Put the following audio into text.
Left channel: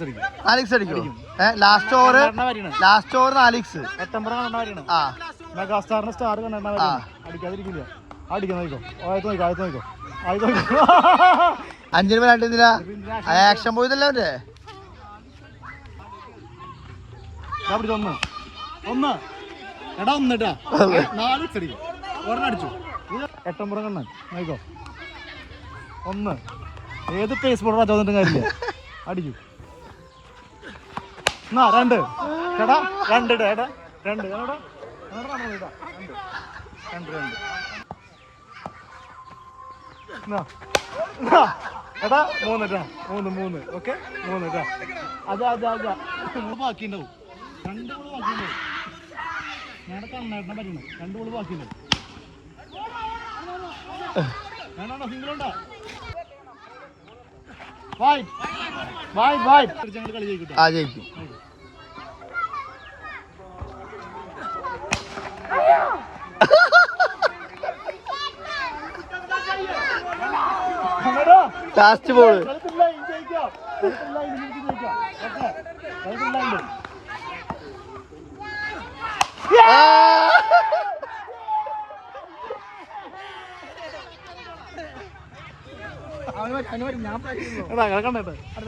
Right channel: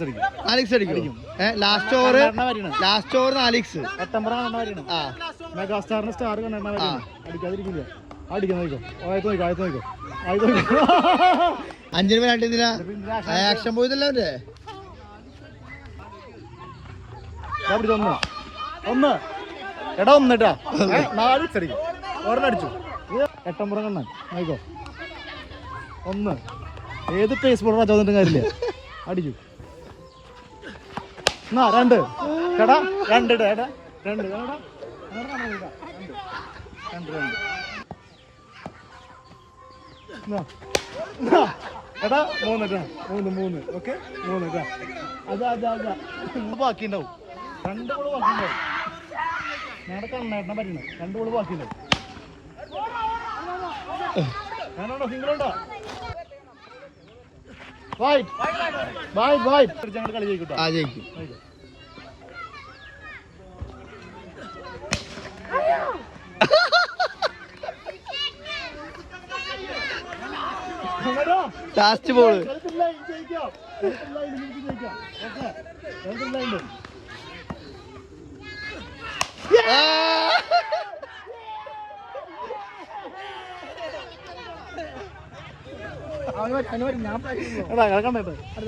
4x അടിക്കും. Last over 4x. മെഗാസ്റ്റാറിന് star അടിക്കാതിരിക്കില്ല. അടിക്കാൻ നോക്കോ, ആയത്ത് നോക്കോ. 5 രണ്ടില്ല ആക്ഷൻ പോയതല്ലേ അവന്റെ ഒന്ന് എടാ 1 ഇട്ടാ 4x അടിക്കും. ഒരെണ്ണം അടിച്ചു. 8 കണ്ണൻ നോക്കോ. 1 ഏത് പേസ് ബോർഡ് ചോദിച്ചിട്ടും കാര്യമില്ല. അടിക്കും. 2 എടാ 2 ഇടാ. എടാ 2 എടാ 3 ഇട്ടാ. 3 ഓക്കെ 3 ഇട്ടാ. അതാ ബാക്കിണ്ടാവും. 2 കൂടെ ബാക്കിണ്ടാവും. ഞാൻ കണ്ണേട്ടനെ പറ്റണം. 2 കൂടെ ബാക്കിണ്ടാവും. ഞാനാണോ സിംഗിളുണ്ടോ? കളി ജയിക്കും. ലാസ്റ്റ് ബോൾ ഞാൻ കണ്ടേ.